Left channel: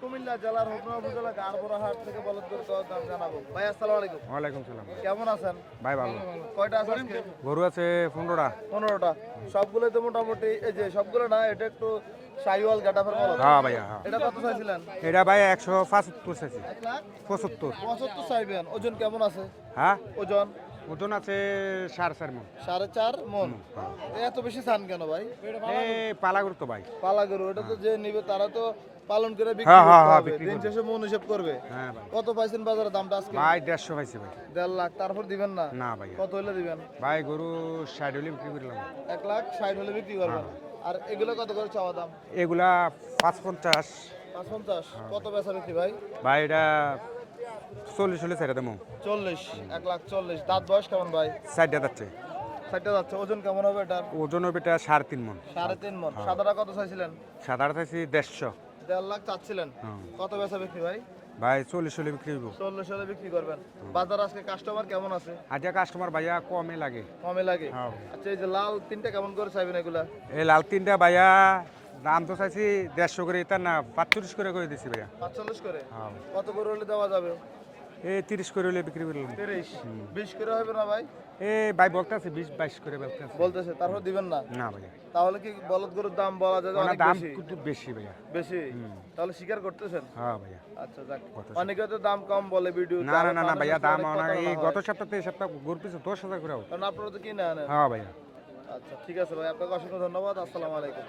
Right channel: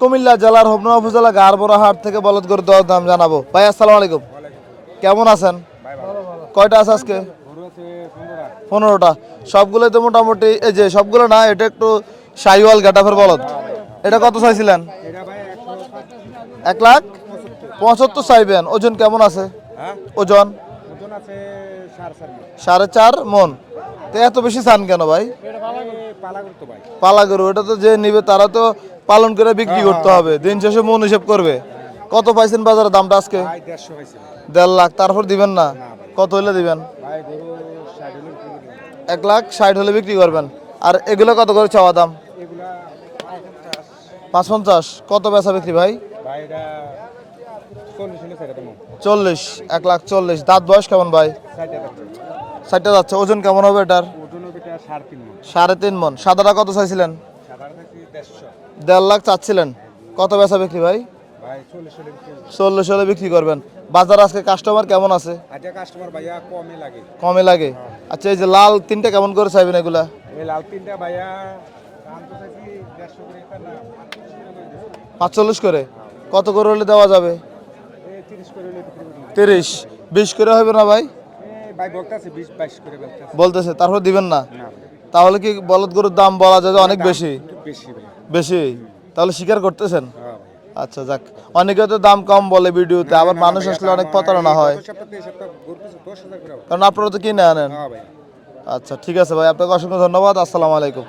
কুমিল্লা জেলার হোমনা উপজেলা গারবরা হাট থেকে বলদ গরুর দর দাম জানাবো। ভাই আসসালামু আলাইকুম, কেমন আছেন? ভাই ভালো। কয়টা আছে আজকে? গরু আছে 15টা। 15টা। সবগুলো তো মোটামুটি, এই যে সবগুলো না, এটা একটু শাহিওয়াল গাটাফের বলদ। হ্যাঁ ভাইয়া হ্যাঁ। এটা কত চাইছিলেন? এটা ভাই 175 চাইছি। 1,75,75 চাইবেন। ওজন কেমন আছে? হ্যাঁ ওজন ওজন আছে 4.5 মণ। 4.5 মন। তো এত বেশি চান কেন ভাই? এই পালা গরু তো ভাই। পালা গরু, এটা তো যে নিবে তারা তো পালন করে বিক্রি করতে হবে, দিন শেষে মন হিসেব করবে। কত পাইছেন বাজারে দামটা আজকে? ভাই 150 পাইছি ভাই। 1.5 লাখ। তারপর দিবেন না? না ভাই। কত হলে দিবেন? ভাই গরু 60 হলে বিক্রি করলাম। 1,60,000 হলে বিক্রি করবেন। আর এগুলো কত করে চাওয়া দাম? এগুলা 550। 550। কত বেচা বিক্রি ভাই? ভাই এটা 40 হলে ছেড়ে দেবো। 40। 1,40,000। দাঁত বয়স কেমন ভাই? 60 যাচ্ছে। 60টা যাচ্ছে। ওজন কেমন হবে এটার? ওজন হবে এটা 3.5 মণ। 3.5 মন। সাদাটা কত চাইছিলেন? সাধারণ চাইছি 150। 1.5 লাখ চাচ্ছিলেন। কত বেচা বিক্রি ভাই? ভাই 40 হলে বিক্রি করবো। 40 হলে বিক্রি করবেন। বাজার আজকে কাস্টমার কেমন আছে? আজকে কাস্টমার ভাইয়া কমই লাগে। কমে লাগে। আচ্ছা, এই যে লাল তিনটা কেমন করে চাইবেন এগুলা? এই লাল তিনটা ভাইয়া দাম তো চাইছি 150 করে, এটা না 45 করে দিছি ভাইয়া। 45 করে। কত করে হলে দেওয়া যাবে? এই 30 করে হলে বিক্রি করলাম। 30। 20 করে হবে না ভাই? এই ভাই বলতাছি 20 22 করে বলতাছি। বলতেছে, তারপর দিবেন না? না ভাই তাহলে কি বলদ গরুর দাম বলা যায় যে অনেক বেশি? একটু বেশি ভাই। বেশি? তাহলে স্বীকার করতেছেন? হ্যাঁ ভাই। আচ্ছা, যাক। অনেকে তো দাম কম বলে ভিডিওতে, আবার মানুষ আসলে অনেক প্রতারণা হয়, গত সপ্তাহে এই সপ্তাহে গরু পিছু 10,000 করে। কারণ আপনারা তো কিনে আনেন। হ্যাঁ ভাই। আচ্ছা, ঠিক আছে ভাই, আপনাকে অসংখ্য ধন্যবাদ। আসসালামু আলাইকুম।